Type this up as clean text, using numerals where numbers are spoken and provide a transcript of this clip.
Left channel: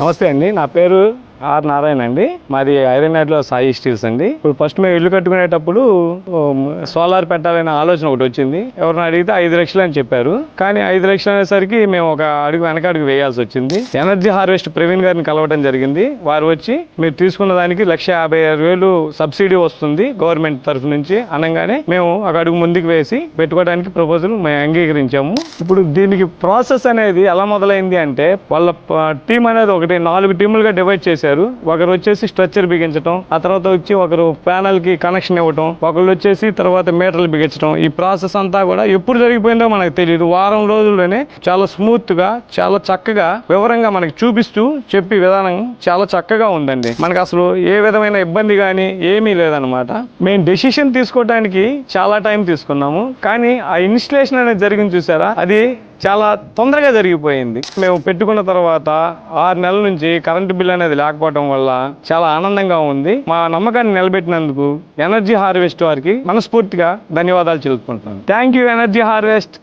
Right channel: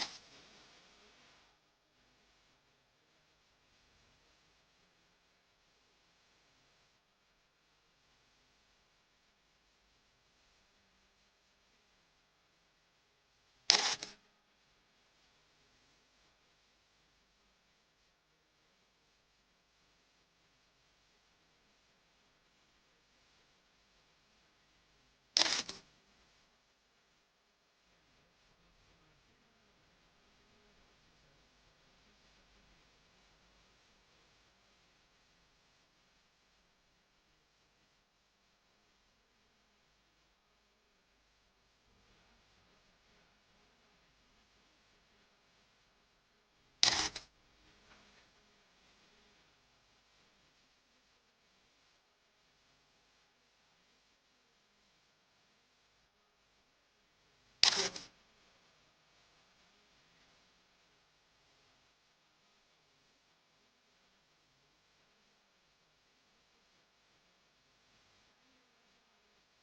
నమస్తే అండి, నా పేరు ఆర్ నారాయణ అండి. మాది ఐరన్యాడ్లో సాయి స్టీల్స్ అండి. ఇప్పుడు ఫస్ట్ మేము ఇల్లు కట్టుకునేటప్పుడు సోలార్ పెట్టాలనే ఆలోచన ఒకటి వచ్చింది. ఎవరిని అడిగితే 5 లక్షలు అని చెప్పారు. కానీ 5 లక్షలు అనేసరికి మేము ఒక అడుగు వెనకడుగు వేయాల్సి వచ్చింది. ఎనర్జీ హార్వెస్ట్ ప్రవీణ్ గారిని కలవడం జరిగింది. వారు వచ్చి మీరు తీసుకున్న దానికి 1,56,000 సబ్సిడీ వస్తుంది గవర్నమెంట్ తరఫు నుంచి అనగానే మేము ఒక అడుగు ముందుకు వేసి పెట్టుకోవడానికి ప్రపోజల్ మేము అంగీకరించాము. ఇప్పుడు దీనికి ప్రాసెస్ అనేది ఎలా మొదలైంది అంటే, వాళ్ళ టీం అనేది ఒకటి 4 టీములుగా డివైడ్ చేశారు. ఒకరు వచ్చేసి స్ట్రక్చర్ బిగించడం, ఆ తర్వాత వచ్చి ఒకరు ప్యానల్ కి కనెక్షన్ ఇవ్వటం, ఒకళ్ళు వచ్చేసి తర్వాత మీటర్లు బిగించడం. ఈ ప్రాసెస్ అంతా కూడా ఎప్పుడు జరిగిపోయిందో మనకు తెలియదు. వారం రోజుల్లోనే చాలా స్మూత్ గా, చాలా చక్కగా, వివరంగా మనకి చూపిస్తూ చెప్పే విధానం చాలా చక్కగా ఉందండి. మనకు అసలు ఏ విధమైన ఇబ్బంది కానీ ఏమీ లేదనమాట. మేము డెసిషన్ తీసుకోవడానికి చాలా టైం తీసుకున్నాము, కానీ ఆ ఇన్స్టలేషన్ అనేది జరిగింది చూసారా, అది చాలా తొందరగా జరిగిపోయింది. మేము పెట్టుకున్న తర్వాత 6 నెలల నుంచి కరెంటు బిల్ అనేది లేకపోవడం వల్ల చాలా ఆనందంగా ఉంది. మా నమ్మకాన్ని నిలబెట్టినందుకు ఎనర్జీ హార్వెస్ట్ వారికి మనస్ఫూర్తిగా ధన్యవాదాలు తెలుపుకుంటున్నాను. Thank you energy harvest.